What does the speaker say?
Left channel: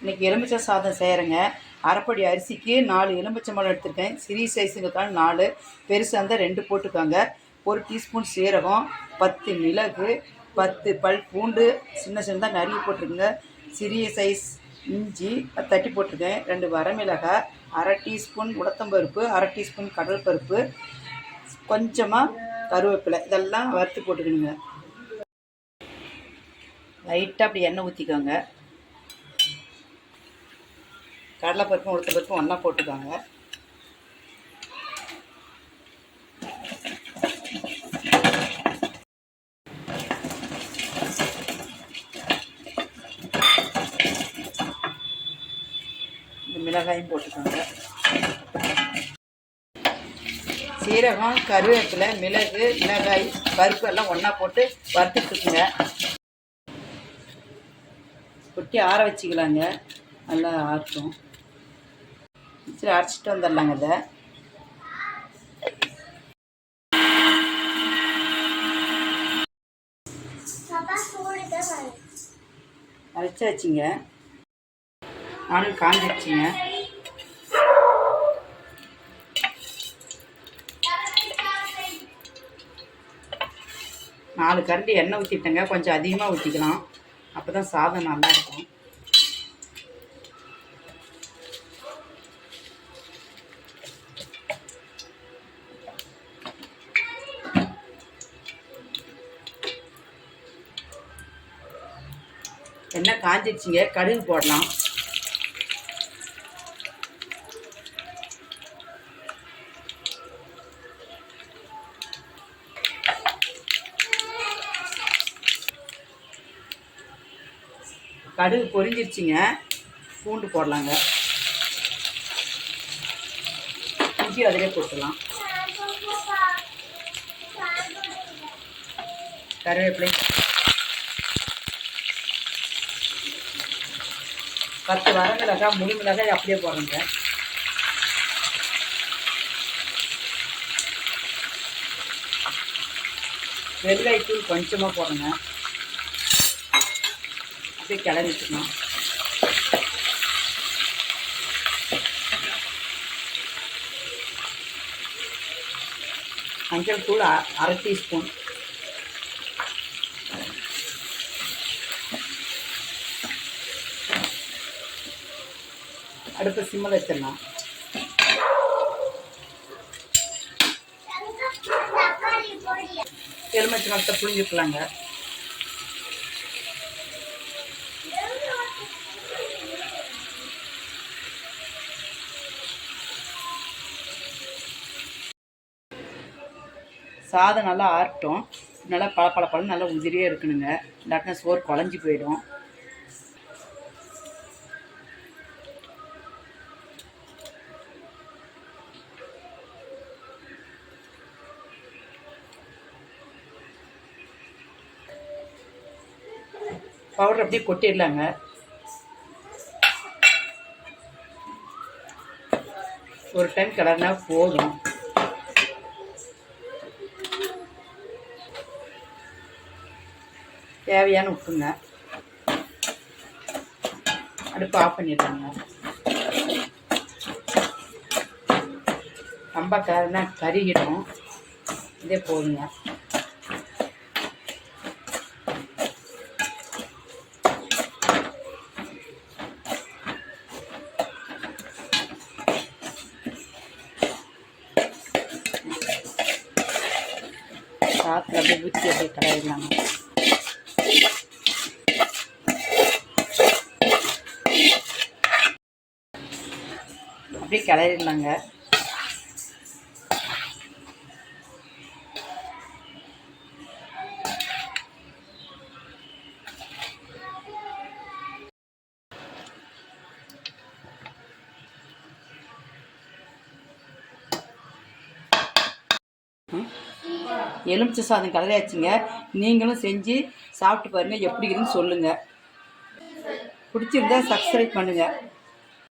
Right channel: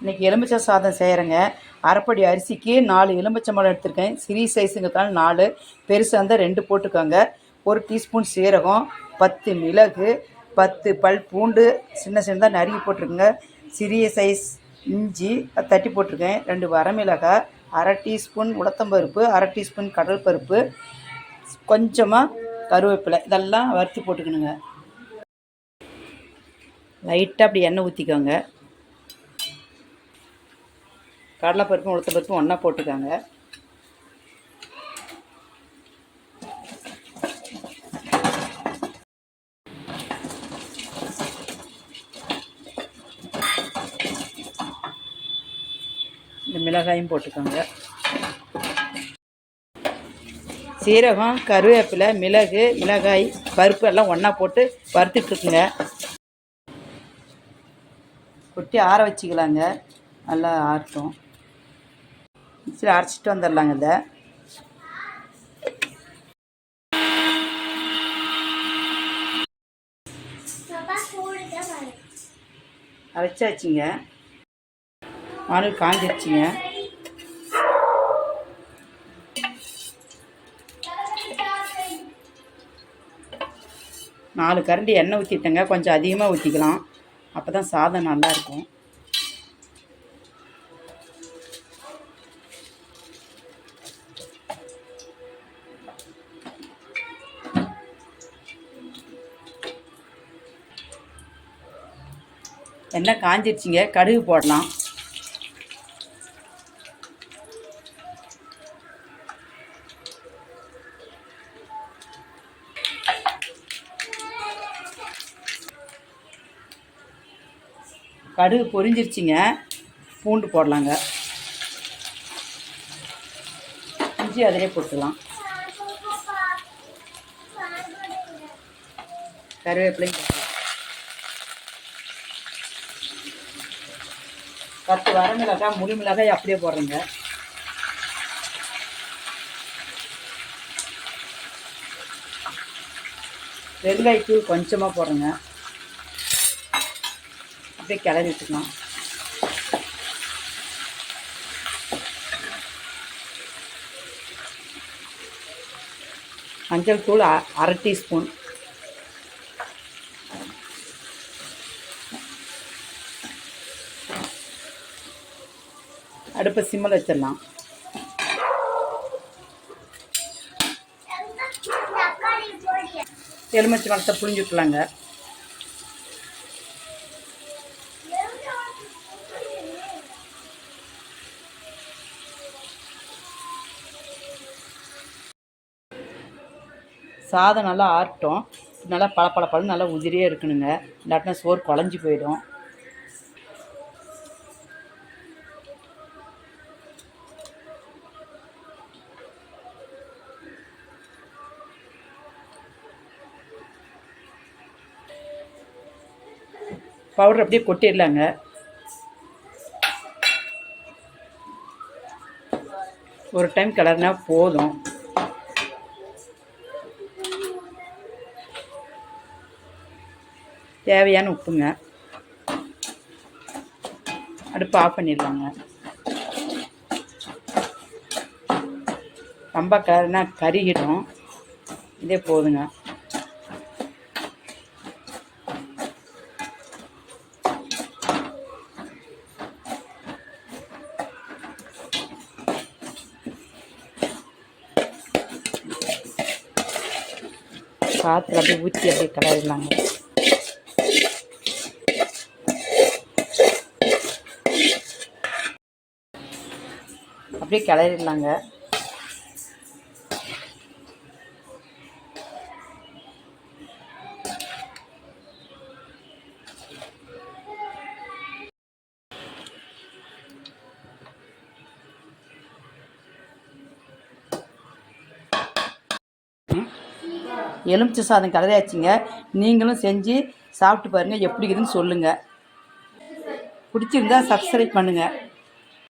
இன்றைக்கி எலுமிச்சை சாதம் செய்கிறேங்க அரைப்படி அரிசிக்கு நாலு எலுமிச்சம்பழம் எடுத்திருக்கேன். சிறிய சைஸுங்கிறதால நாலு. பெருசாக இருந்தால் ரெண்டு போட்டுக்கோங்க. ஒரு டீஸ்பூன் சீரகம் பத்து மிளகு பத்து பல் பூண்டு சின்ன சின்னதாக நறுக்கி போட்டிருக்குங்க சிறிய சைஸ் இஞ்சி தட்டி போட்டிருக்கேன். ரெண்டு வரமிளகாய் அரை டீஸ்பூன் உளுத்தம்பருப்பு அரை டீஸ்பூன் கடல் பருப்பு கொஞ்சமாக கருவேப்பிலை. இதெல்லாம் வறுத்து போட்டுக்கணுங்க. லைட்டாக அப்படி எண்ணெய் ஊற்றிக்கோங்க கடலைப்பருப்பும் உளுத்தம்பருப்பும் ஒன்றா போட்டுக்காங்க. இந்த மிளகாயும் போட்டுக்கோங்க. சீரகம் கருவேப்பிலை மிளகு மிளகாய் பருப்பு எல்லாம் ஒன்றா போட்டு வறுத்துட்டுக்குங்க கொட்டி ஆற வச்சுக்கலாங்க. நல்லா ஆட்டும். சரி அரைச்சிட்டு வந்துடலாங்க இதை. அரைச்சாச்சுங்க ஆனல் காஞ்சிடுச்சுங்க நாலு கரண்டி எண்ணெய் ஊற்றிட்டேங்க கொஞ்சம் அதிகமாக ஊற்றிக்கலாம் அப்போ தான் சாதம் நல்லாயிருக்கும் எண்ணெய் காஞ்சிடுச்சிங்க கடுகு போடலாம். கடுகு பொரிஞ்சிருச்சிங்க. பூண்டு போடலாங்க. இஞ்சி அதிலே போட்டுக்கலாம் கருவேப்பிலை பத்து வரமிளகாய் முழு மிளகாய் அப்படியே போடுறேங்க. வெள்ளைத்தூள் கொஞ்சமாக போடுறேங்க. அப்படியே கிளறி வச்சுக்கணும். மஞ்சள் தூள் அ- அரை டீஸ்பூன். அடுப்பை சிம்மில் வச்சிடலாம். எலுமிச்சை மரத்தை புழிஞ்சு சாதம் நல்லா ஆறட்டும். நல்லா பள பள பழம் நல்லா உதிரியே இருக்கணுங்க. இல்லாட்டினா சோறு குழஞ்சி போயிடும். பவுடர் அப்படியே கொட்டிடலாங்க. ஒரு டைம் கிளறினா போதும். தேவையான உப்புங்க. அடுப்பு ஆஃப் பண்ணிடலாங்க. ரொம்ப கறினா கருகிடும். இதே போதுங்க. சாத்தில் அப்படியே ஊற்றி அப்படியே கடையிடலாங்க அப்படியே கிளறிடலாங்க எலுமிச்சை சாதம் கலரையாச்சுங்க நீங்களும் செஞ்சு சாப்பிட்டு பாருங்கள் எப்படி இருக்குதுன்னு சொல்லுங்கள் பிடிச்சிருந்தா சப்ஸ்கிரைப் பண்ணுங்கள்